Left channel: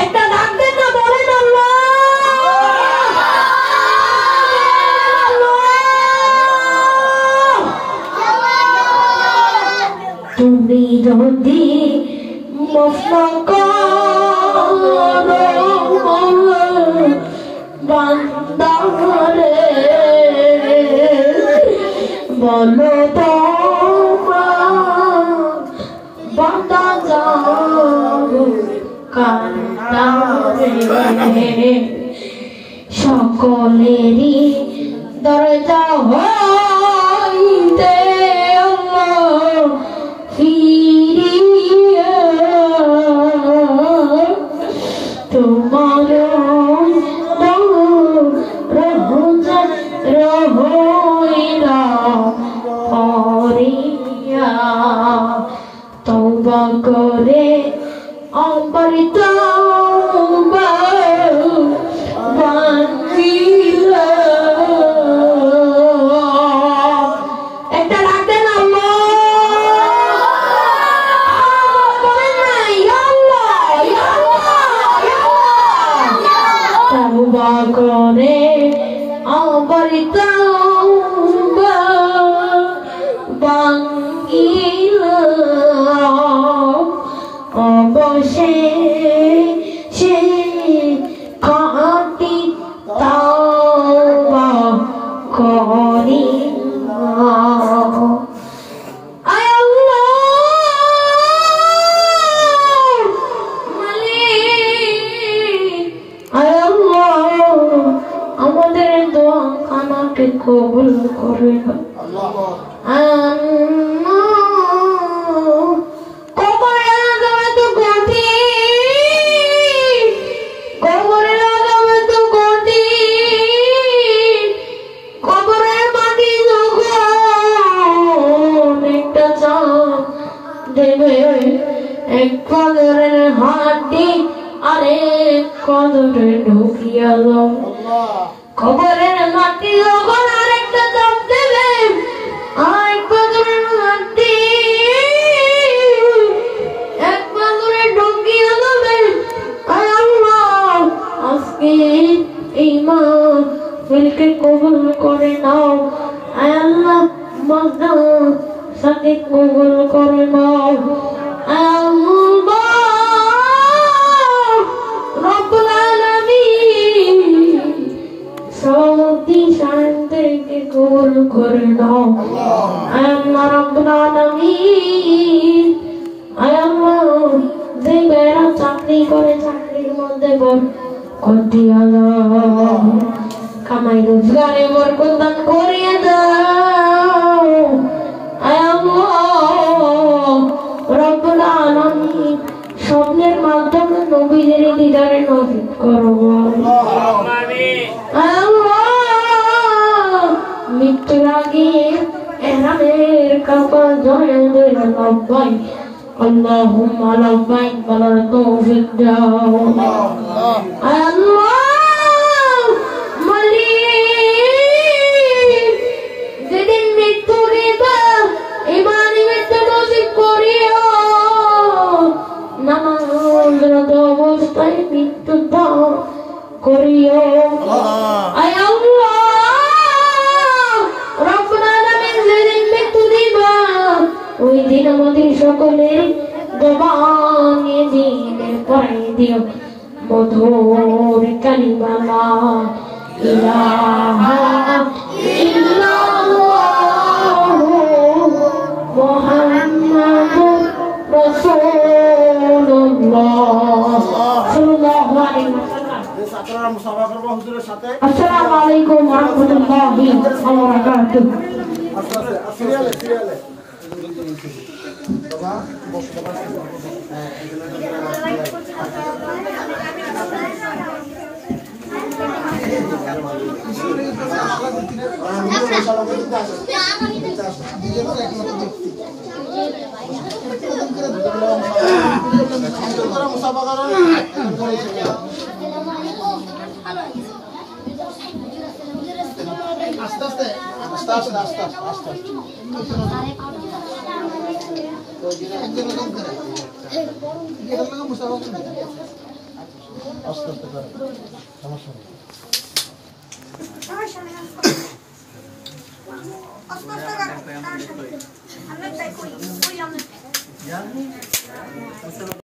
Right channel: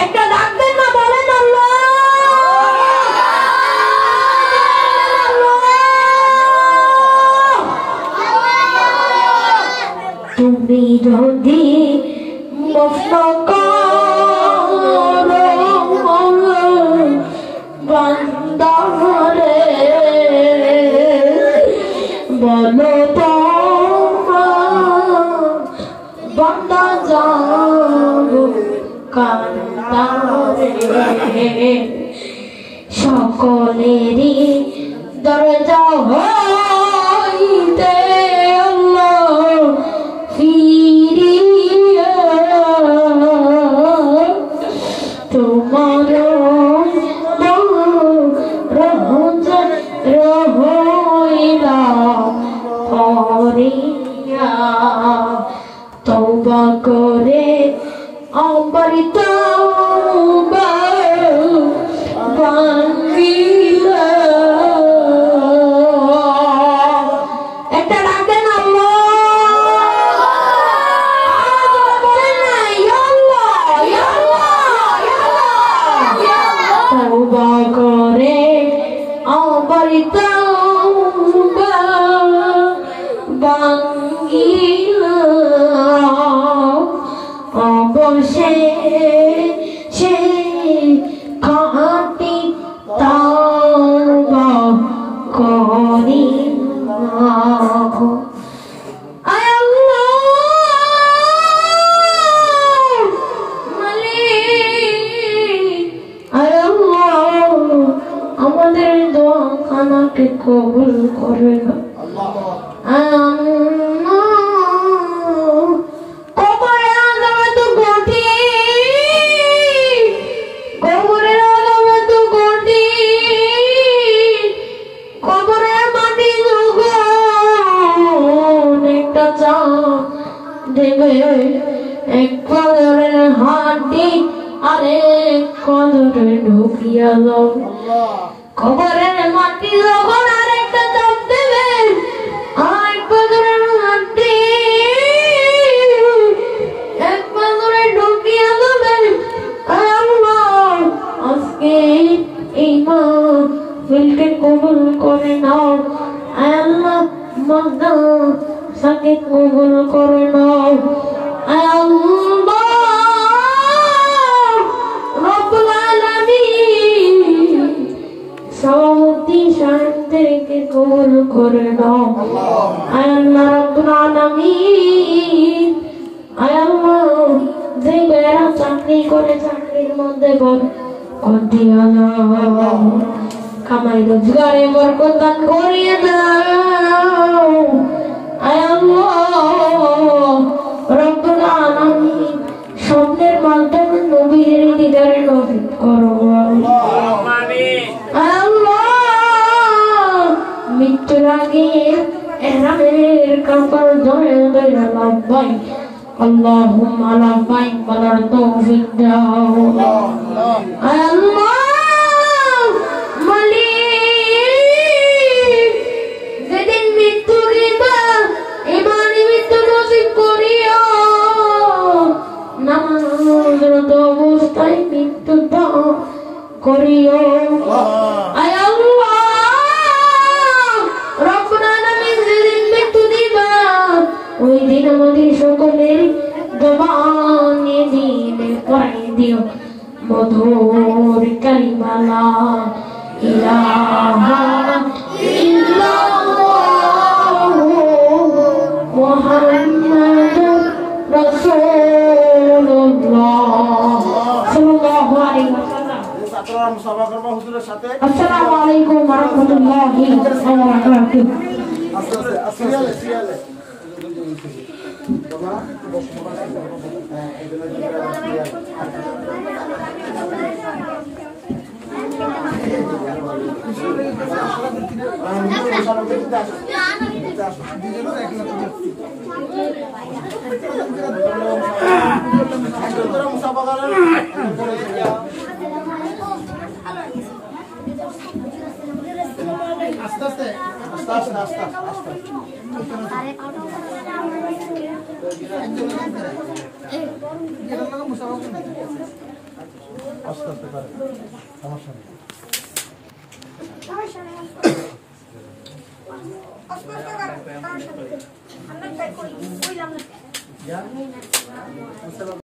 একটা ডাকবেন না, বলেন আল্লাহ। তুমি যদি বান্দারে বলো তো বান্দা যাও কান্দারে সকলেরই দরজা হইতে আল্লাহ ফিরিয়ে তোমার রহইলা পরিয়া তওবা করে আমার তওবা ভাঙিলা। একটা ডাকেন তওবা করে আমার তওবা ভাঙিলা। অবশেষে খাঁটি তওবা করিলা। আমাদের দোয়া খানাকে কবুল করে এক কদরের হাঁটি আরেক কদরে ঢুকিয়া যাও। কবরের মাটি যখন আরেকটা চাপ দেবে, আরেক কদরের মাটি এক কদরে ঢুকিয়া যাবে। আল্লাহ আজকে এই মাহফিলকে কবুল করে নাও। আল্লাহ মাদা সাথে কবুল করে নাও। রব্বুল আলামিন সৌদি শান্তিকে কবুল করে নাও। আল্লাহ রব্বুল আলামিন আল্লাহ যে বেরা চাকরি করে চাকরির মধ্যে বরকত দাও, কামাই রোজগারে বরকত দান করিয়ে দাও। রব্বুল আলামিন স্বপ্নের মাধ্যমে নবীর দিদারে নসিব করো। মৃত্যুর আগে এহানের কপাল ধরে ধরে লাভবাই আল্লাহুম্মা লাভবাই বলার তৌফিক দাও। যেদিন মৃত্যু দিবা ইমানি মৃত্যু নসিব করিও। নামাজরত অবস্থায় মৃত্যু দাও করিও। ওই দিন আমাদের সকলের জবানে দিলে পড়ে দিও মধুর কালিমা লা ইলাহা ইল্লাল্লাহু মুহাম্মাদুর রাসূলুল্লাহ সাল্লাল্লাহু আলাইহি ওয়াসাল্লাম। ছাত্ররা মুসাফা করবে হুজুরের সাথে। আসসালামু আলাইকুম ওয়া রাহমাতুল্লাহি ওয়া বারাকাতুহু। সিরিয়ালে বাবা বসো আস্তে আস্তে আস্তে আস্তে করে সমস্যা নেই। আমরা